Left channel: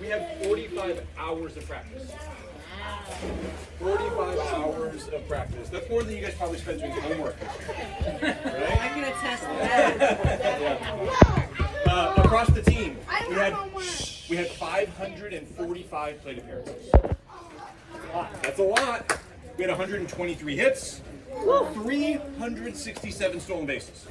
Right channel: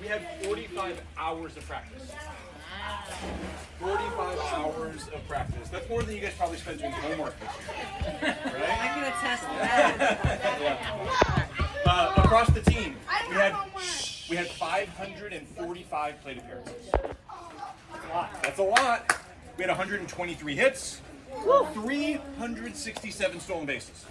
We had 45 hours of practice. 45 hours of practice. That's more than you guys probably spent doing homework. Right? I can attest to that. Across the team, we had 545 plate appearances. That's a lot. We had 123 hits, 367 stolen bases.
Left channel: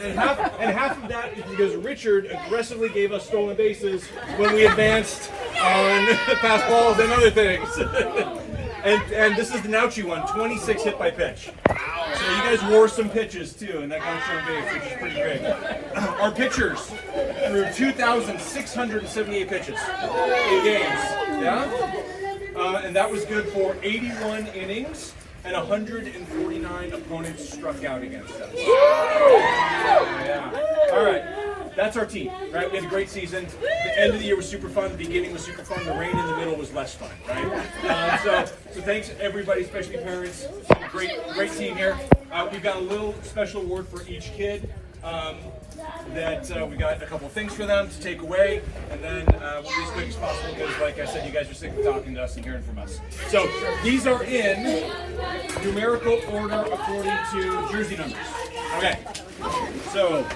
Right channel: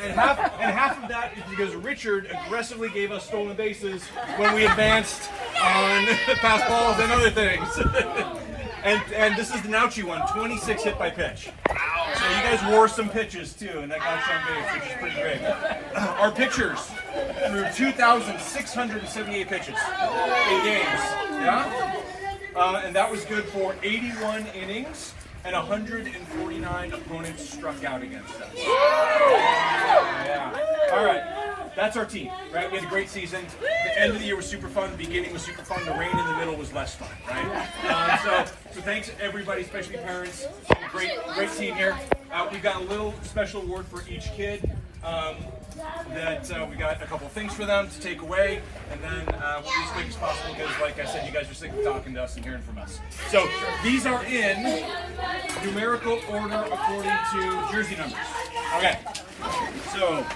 And half of that is because Richard aggressively gave us stolen bases when we advanced on fastballs and other things. and this is the Nauchi one, 26 hit by pitch. So you guys wore some pitches too, and that got some base, which is pretty big. Our pitchers, there were 2,678 pitches in games. Yeah? And that was good for 81 innings. And 149 opponents struck out against us. Yeah. All right, that's our team. Right, we had a great season. The end of the year was super fun. The beginning was super fun. The rain in the middle was less fun. Right. So thanks everybody, especially parents. Great team here. We've got a little special award for each kid. That we got a couple things for them to take away, and then we'll be as quick as possible because, like I said, you guys are sick of talking to us and hearing from us. So these are in numerical order according to jersey numbers. Okay. So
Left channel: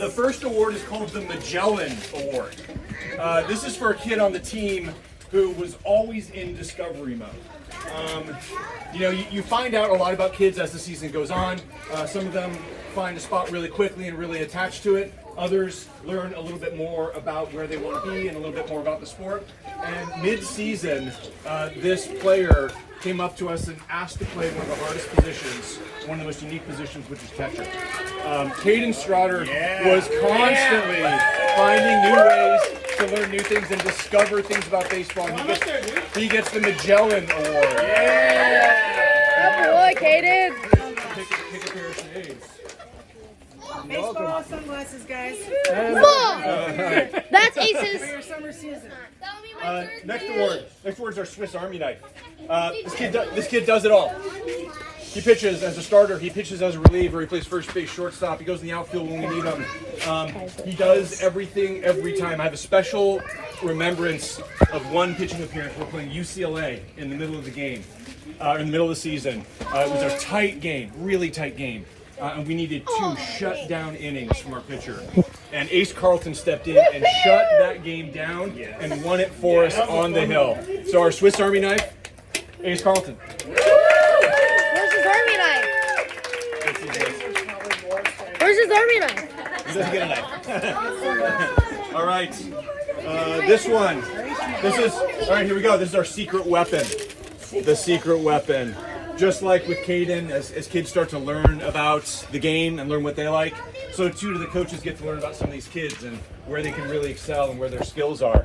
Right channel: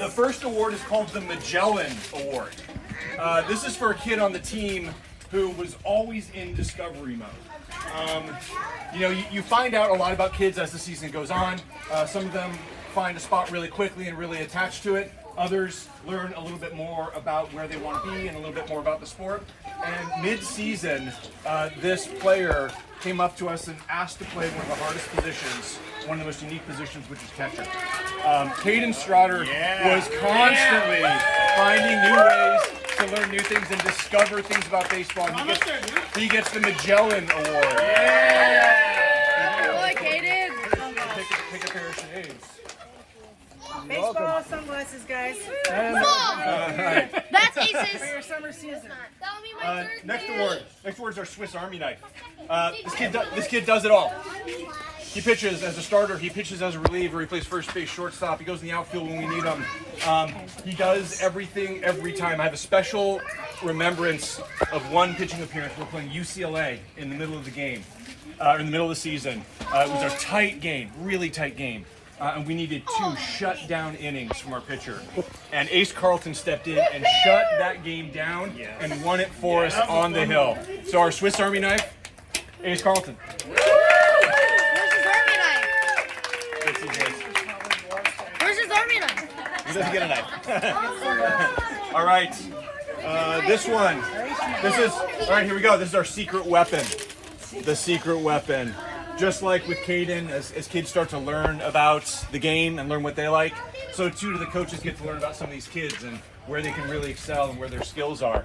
the first award is called the Magellan Award. This is for a kid on the team who was always in discovery mode. You find out a lot about kids as the season goes on. Some of them find a spot really quickly and really attach to it. Others learn a little bit more about where they want to be and a little bit more about the sport. And mid-season, this player came up to us and asked to play one of the hardest positions, one of the most unique positions, which is catcher. Caden Strotter was constantly finding new ways to learn new things and discover things about baseball. He gets the Magellan Award. Good boy, Caden. Take a pair of shades. Baseball sunglasses, guys. That's aces. For your summer season. Next award is our Swiss Army knife. This kid does it all. He pitches as a starter. He pitches as a reliever. He plays first base, shortstop. He goes in the outfield when we need him. He does everything every time. I have a special remembrance of one pitching appearance. We're playing UCLA in the middle of the game, in the middle of the season. It was a tight game, really tight game. And we needed 2 shutdown innings from our pitcher. And Ace Carlton stepped in and shut that game down and won it for us on the hill. So our Swiss Army knife, Ace Carlton. Where's his army knife? Where's his army knife? He doesn't get a knife. All right. This one. All right, here we go. This is our secret weapon. The secret weapon. Just like with Caden, as kids start to learn about the game and learn what they like, so too do the coaches get to learn about some of these kids and where they can really excel and where their skills are.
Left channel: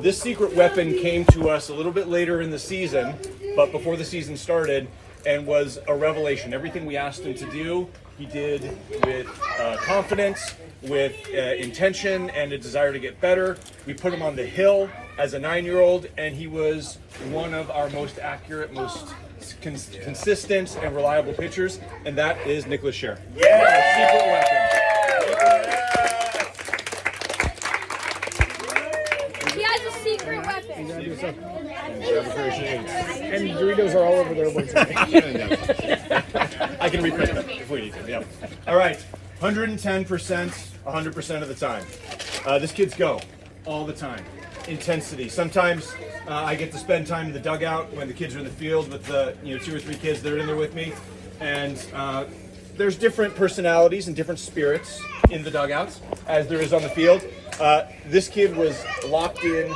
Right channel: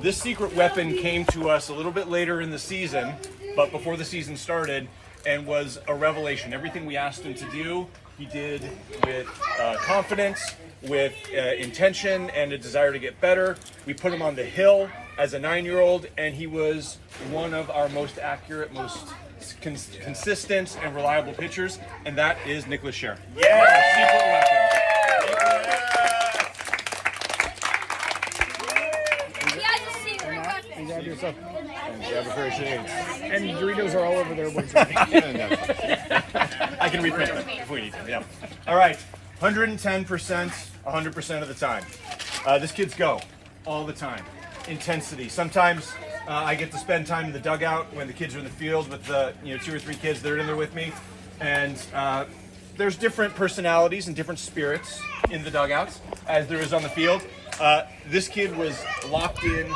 This secret weapon came to us a little bit later in the season, but before the season started, and was a revelation. Everything we asked him to do, he did with confidence, with intention, and a desire to get better. We put him on the hill as a 9-year-old, and he was one of our most accurate, most consistent, and reliable pitchers, and that is Nicholas Scher. Secret weapon. He has a secret weapon. And Doritos are all over there. I can reprint it if we need to. Yeah. All right, 110%, 100% of the time. This kid's go all the time. Intensity. Sometimes I get to spend time in the dugout when the kids are in the field with the 2 or 3 kids that are in there with me, and there's different personalities and different spirits in the dugouts as there is on the field. This kid was locked in,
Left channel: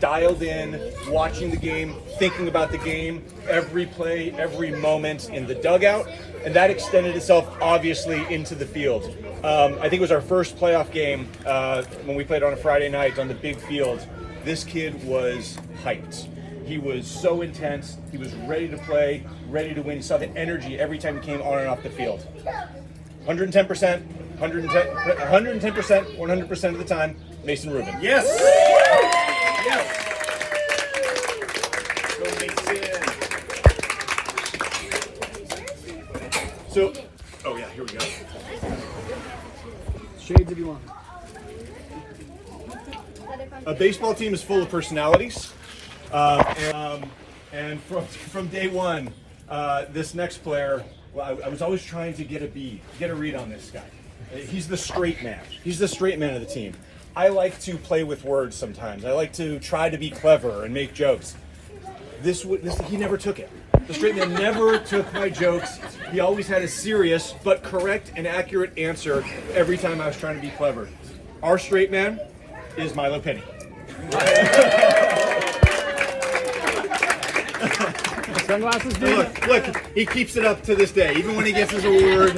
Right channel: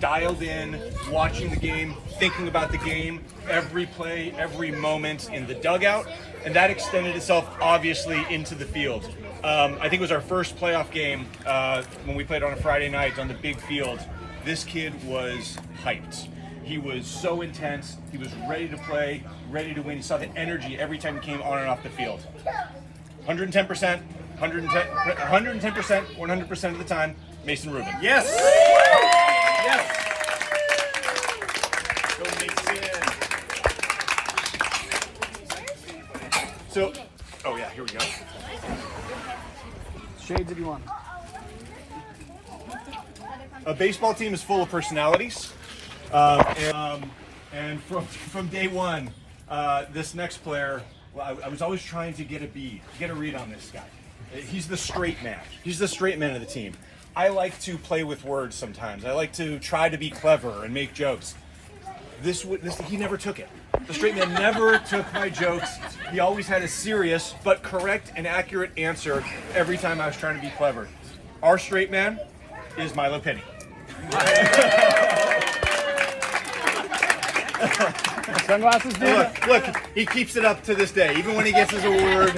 dialed in, watching the game, thinking about the game, every play, every moment in the dugout, and that extended itself obviously into the field. I think it was our first playoff game when we played on a Friday night on the big field. This kid was hyped. He was so intense. He was ready to play, ready to win. You saw the energy every time he came on and off the field. 110%, 110%, 100% of the time, Mason Rubin. Yes. Yes. So, oh yeah, here we go. Shades if you want. A baseball team is full of personalities, and from day one, this next player, well, I was always trying to get a read on this guy. He's the straight man. He's the straight man of the team. I like to play with words sometimes. I like to try to be clever and make jokes. He never took it. The straight man never took my jokes. He always had a serious but correct and accurate answer every time I was trying to be clever. Our straight man is Milo Penny. Sunglasses, dude. Look, he keeps it up to this day. Even when he gets his award,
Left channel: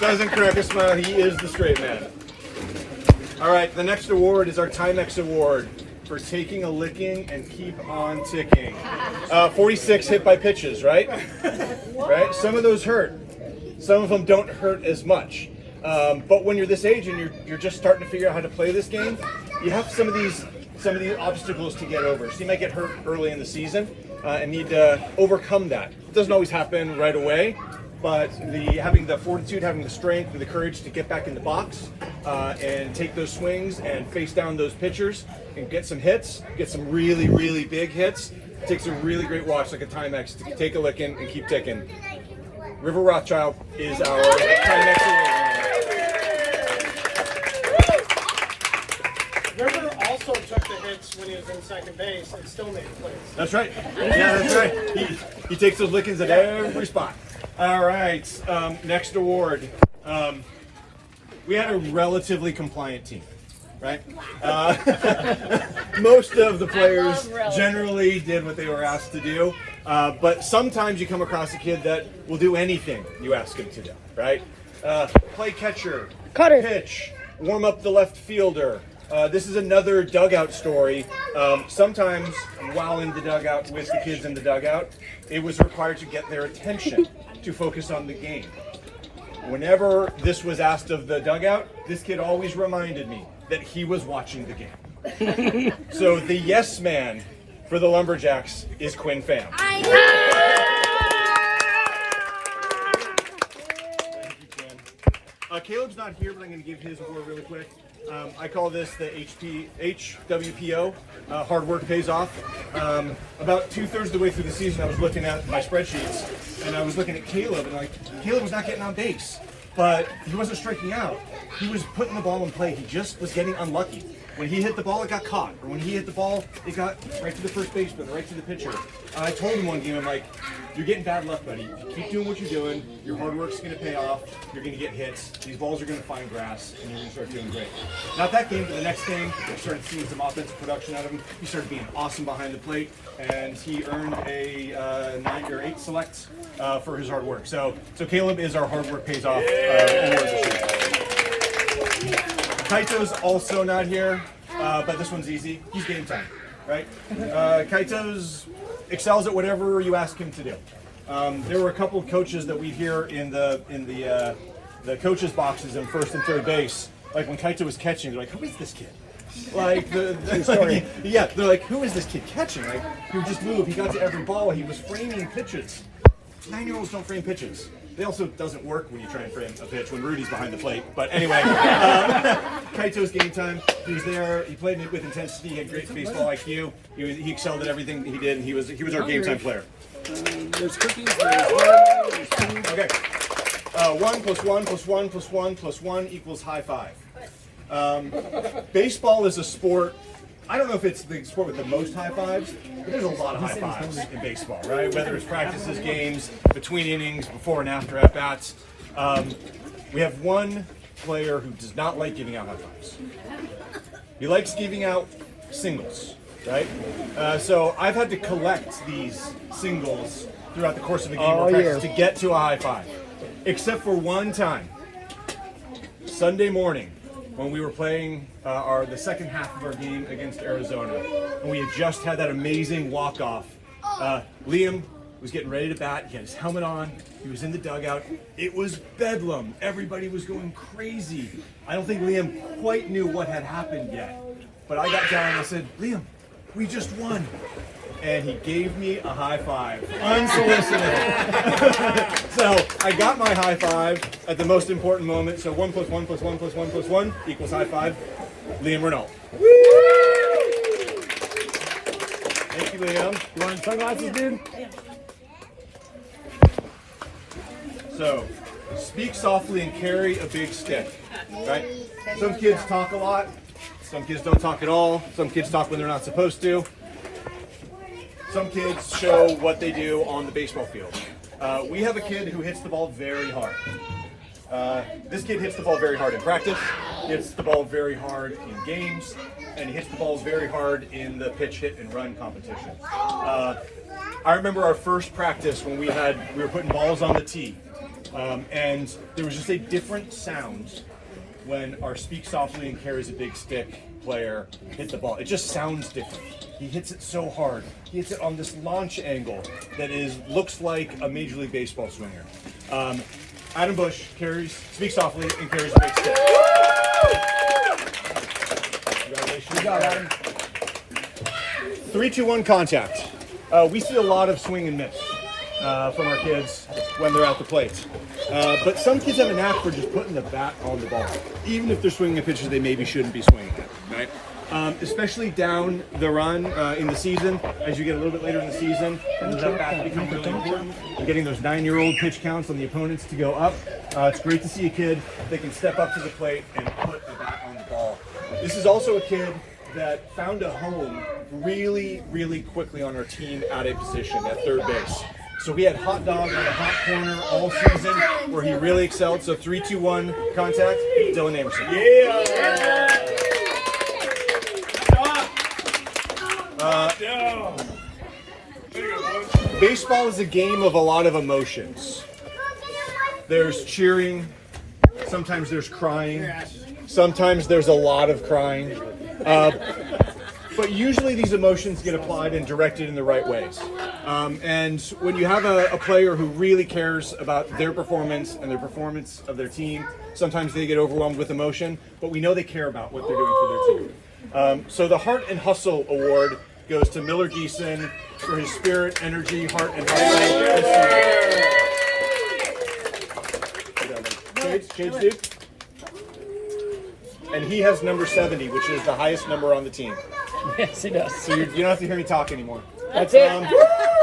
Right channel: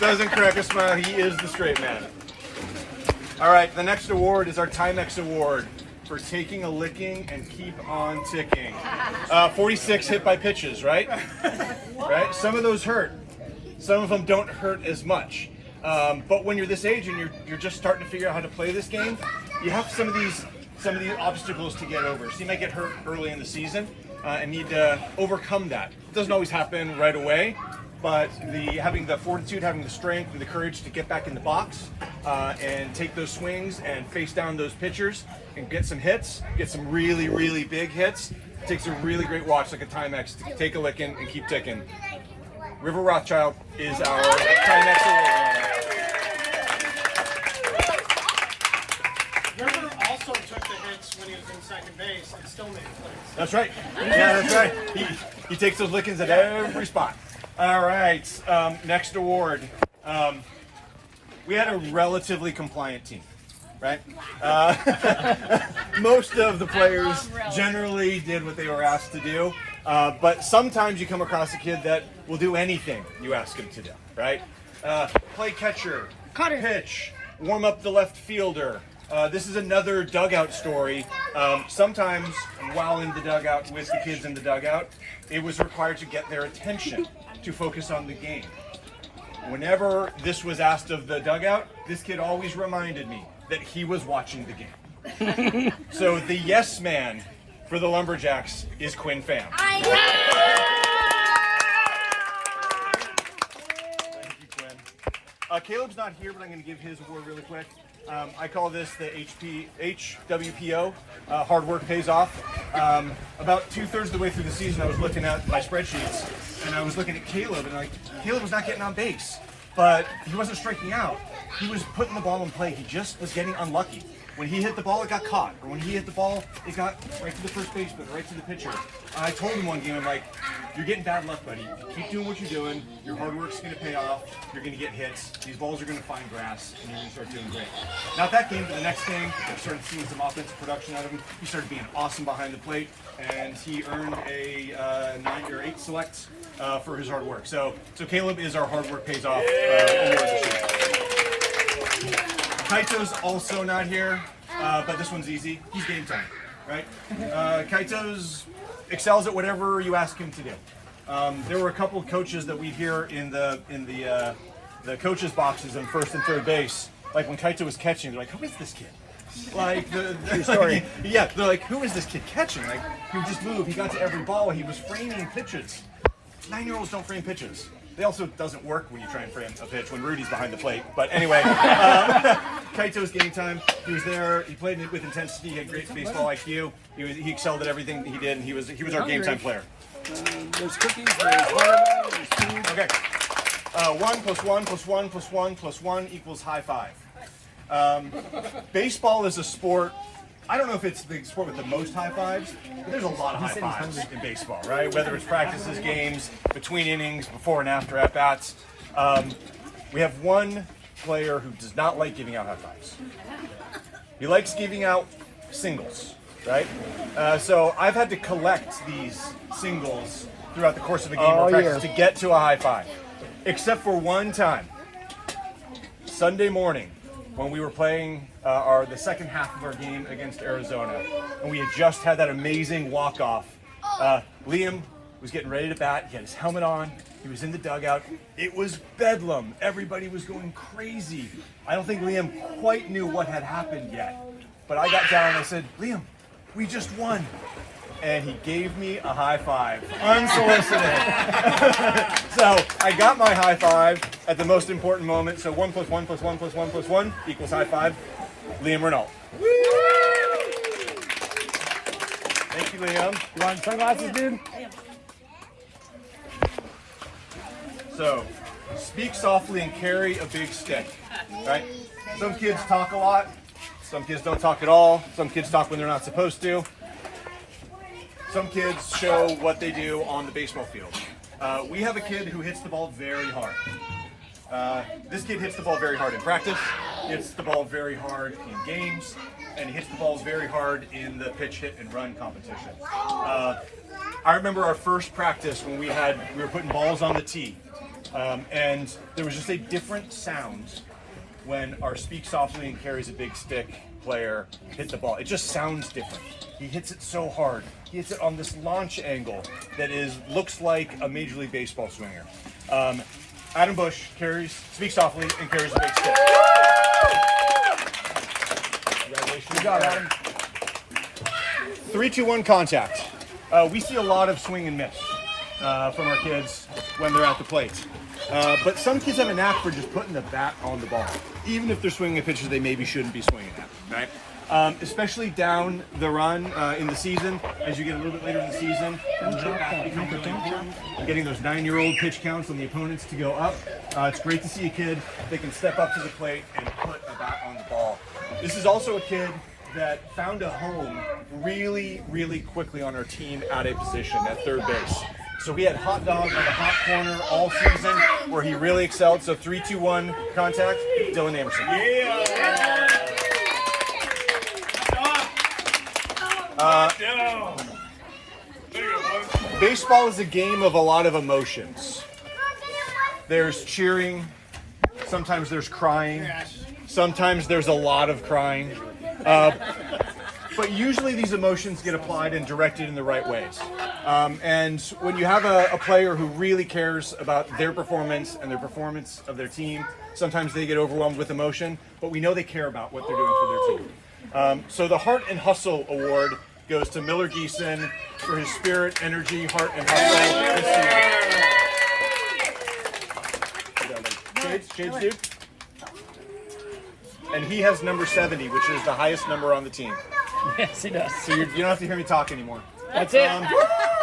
doesn't crack a smile, he is the straight man. All right, the next award is our Timex Award for taking a licking and keep on ticking. 46 hit by pitches, right? Right? Some of those hurt. Some of them don't hurt as much. But when you're this age and you're just starting to figure out how to play this game, you have some of these obstacles to get over. So you might get hurt early in the season and need to overcome that. It doesn't always happen right away, but having the fortitude, having the strength, and the courage to get back in the box and take those swings and face down those pitchers and get some hits, get some really, really big hits. It takes a really great watch like a Timex to take a licking and keep ticking. River Rothschild is our Timex Award. River also took the hits when he was in second base and still made plays. That's right. Yeah, that's right. He takes those lickings at every spot. All right. Next award. We had a relatively compliant team, right? Most of the players generally did what they were asked to do, but sometimes you come across a kid that will do anything you ask him to do, right? Play catcher, pitch, warm up the left fielder. This is another dugout story. Sometimes while in the dugout with the kids in the dugout, it was required to get their attention to focus on the game. Whenever this was asked of the dugout, this kid always reminded me that he was watching the game. So the yes man for the Lumberjacks is Quinn Pham. Thank you, Quinn. Caleb's not here, but I'm going to give his award really quick. I call this the HWPO, hard work pays off. About 2/3 of the way through the season, I was looking at my spreadsheets, and I was looking at Caleb, and Caleb was not getting on base, but he wasn't striking out. He was putting the ball in play. He just was getting unlucky. When he hit the ball, it got caught, or when he hit the ball, it got right to the first baseman, right to the pitcher. And I told him one game, I'm like, you're getting bad luck, buddy. Keep doing what you're doing. Your hard work's going to pay off. You're going to get hits. These balls are going to find grass, and you're going to start doing great. Not that game, but the next game, I started seeing some offensive production out of him. He started being awesome behind the plate, and he earned a 9 or 8 select for his hard work. So Caleb is our hard work pays off. Kaito's also not here, but this one's easy. He's game time, right? Kaito's excels at whatever you ask him to do. There were a couple of coaches that we hear in the coaches' boxes in first and third base. Like when Kaito was catching, they're like, "Who is this kid?" Like yeah, they're like, "Who is this kid catching?" Like he would just move. He got to every ball. He was framing pitches. 9-year-olds don't frame pitches. It also doesn't work when you try and frame a pitch when Rudy's behind the plate. But anyway, Kaito's game time. He was there. He played with intensity. He had great baseball IQ. He excelled at everything he did, and he was our game time player. There's cookies. Okay. 1 + 1 + 1 + 1 + 1 equals high five. Baseball is a sport. I don't know if it's the sport with the most high fives, but there's a lot of high fives in baseball, right? Whether it's practices, games, between innings, before and after at bats. We have one player who does not like giving out high fives. He likes giving out singles, right? So I've had to collect these singles throughout the course of a game or practice to get to a high five, except for one time, Sunday morning, when we were playing the second half of our game against Arizona, and we had just had that amazing walk-off. Liam was getting ready to bat. He had his helmet on. He was in the dugout. It was bedlam. Everybody was going crazy. I don't think Liam quite knew what had happened yet. But I got down and I said, "Liam, we just won." and he gave me a high five, unsolicited. So I got my high five at the most important moment. So 1 + 1 + 1 + 1 + 1 equals high five. Liam Renault. Thank you, Liam. You want sunglasses, dude? So, speak softly and carry a big stick, right? Some kids talk a lot. Some kids don't talk at all. Some kids talk when they're not supposed to. Some kids show what they do on the baseball field. We have a kid who hits the ball very hard. This kid hits the ball very hard in practice, hits the ball very hard in games, and hits the balls very hard in the pitch, hit, and run competition. I remember our first practice when we were putting balls on the tee, and there was just a different sound when our speak softly and carries a big stick player hit the ball. It just sounds different. He hits it so hard. He hits it on this launch angle that looks like a Major League Baseball swinger. Adam Bush speaks softly and carries a big stick. Good job, Adam. 3, 2, 1 contact. We see a lot of swing and miss from our kids when they're at the plate. But some kids have a knack for just putting the bat on the ball, even if they're swinging at pitches they maybe shouldn't be swinging at, right? Especially down the run in the season, as you get a little bit later in the season, you're getting those 9-year-old pitch counts on the opponents to go up. It's great to see a kid that can step up to the plate and put the bat on the ball. This is also a kid that found a home really, really quickly on our team at a position at third base. So we had hot dog in the hot corner all season where he really excelled. So 3, 2, 1 contact, Dylan Anderson. Baseball is a game of a lot of emotions. There's cheering, sometimes there's crying, sometimes there's a lot of crying. But usually these emotions get applied and directed in the right ways. And when you have a player who really cares about their performance and the performance of their team, sometimes they get overwhelmed with emotion, but we know they care about what they're doing for their team. So the Heart and Hustle Award goes to Miller Geeson for his spirit, energy, heart, and hustle. Kids, dude. And he has number 70, which is the highest number on the team. Yes, he does. So you don't have to hear me talk anymore. That's it.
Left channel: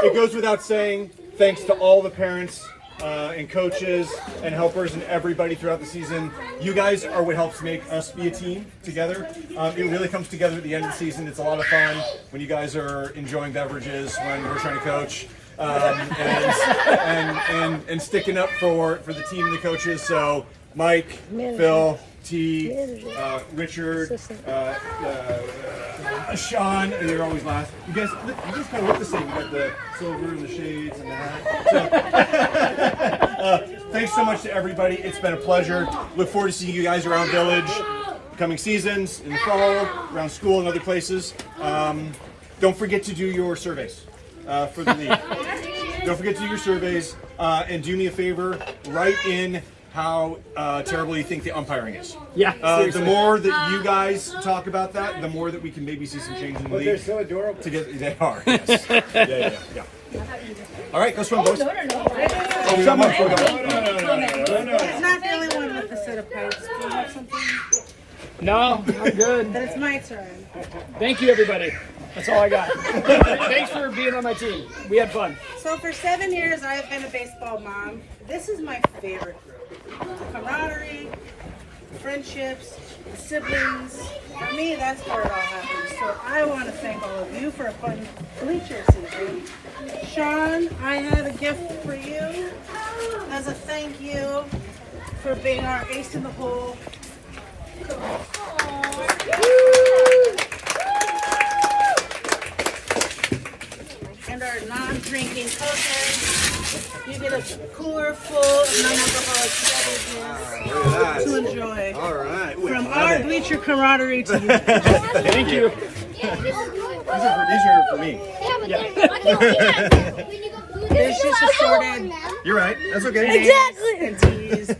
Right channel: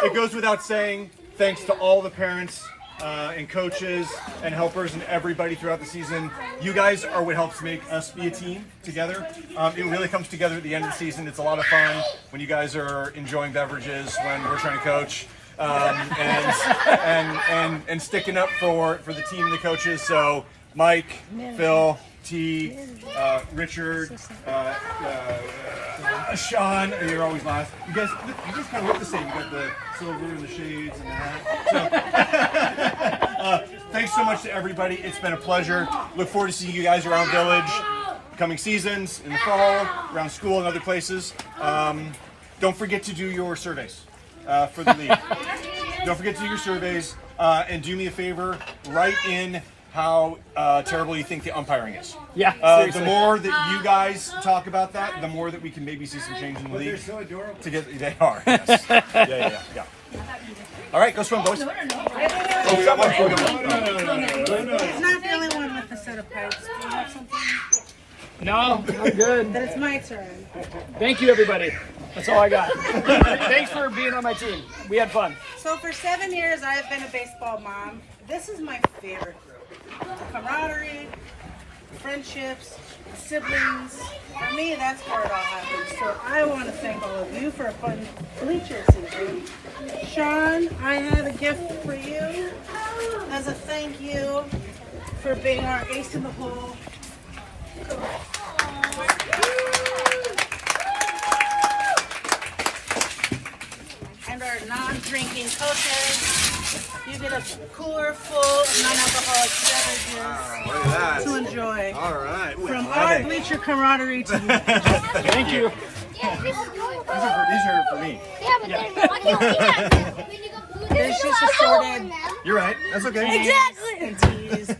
It goes without saying, thanks to all the parents and coaches and helpers and everybody throughout the season. You guys are what helps make us be a team together. It really comes together at the end of the season. It's a lot of fun when you guys are enjoying beverages, when we're trying to coach, and sticking up for the team and the coaches. So Mike, Phil, T, Richard, Sean, you're always last. You guys kind of look the same. You got the silver and the shades and the hat. So, thanks so much to everybody. It's been a pleasure. Look forward to seeing you guys around Village, coming seasons, in the fall, around school and other places. Don't forget to do your surveys for the league. Don't forget to do your surveys, and do me a favor, write in how terrible you think the umpiring is. Yeah. The more that you guys talk about that, the more that we can maybe see some change in the league. They're so adorable. They are. Yes. Yeah. All right, go swim, boys. It's not the only one with the set of pipes, No, we're good. but it's my turn. Thank you, everybody. That's all I got. Thanks for being on my team. We had fun. So for 7 years, I've been a baseball mom. This is my favorite group. The camaraderie, the friendships, the siblings. For me, that's where it all happens. So I want to thank all of you for a fun bleacher season. Sean, I have a gift for you as a thank you for being our ace in the hole. And our non-drinking coaches. You get a cooler full of non-alcoholic beverages to enjoy. All right. From our bleacher camaraderie to you. Thank you. These are for me. There's just assorted You're right. That's okay. Exactly. and teas.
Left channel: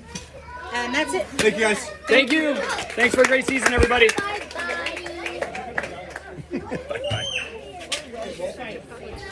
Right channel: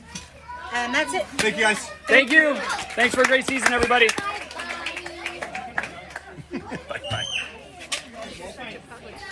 And that's it. Thank you, guys. Thank you. Thanks for a great season, everybody. Bye. Okay.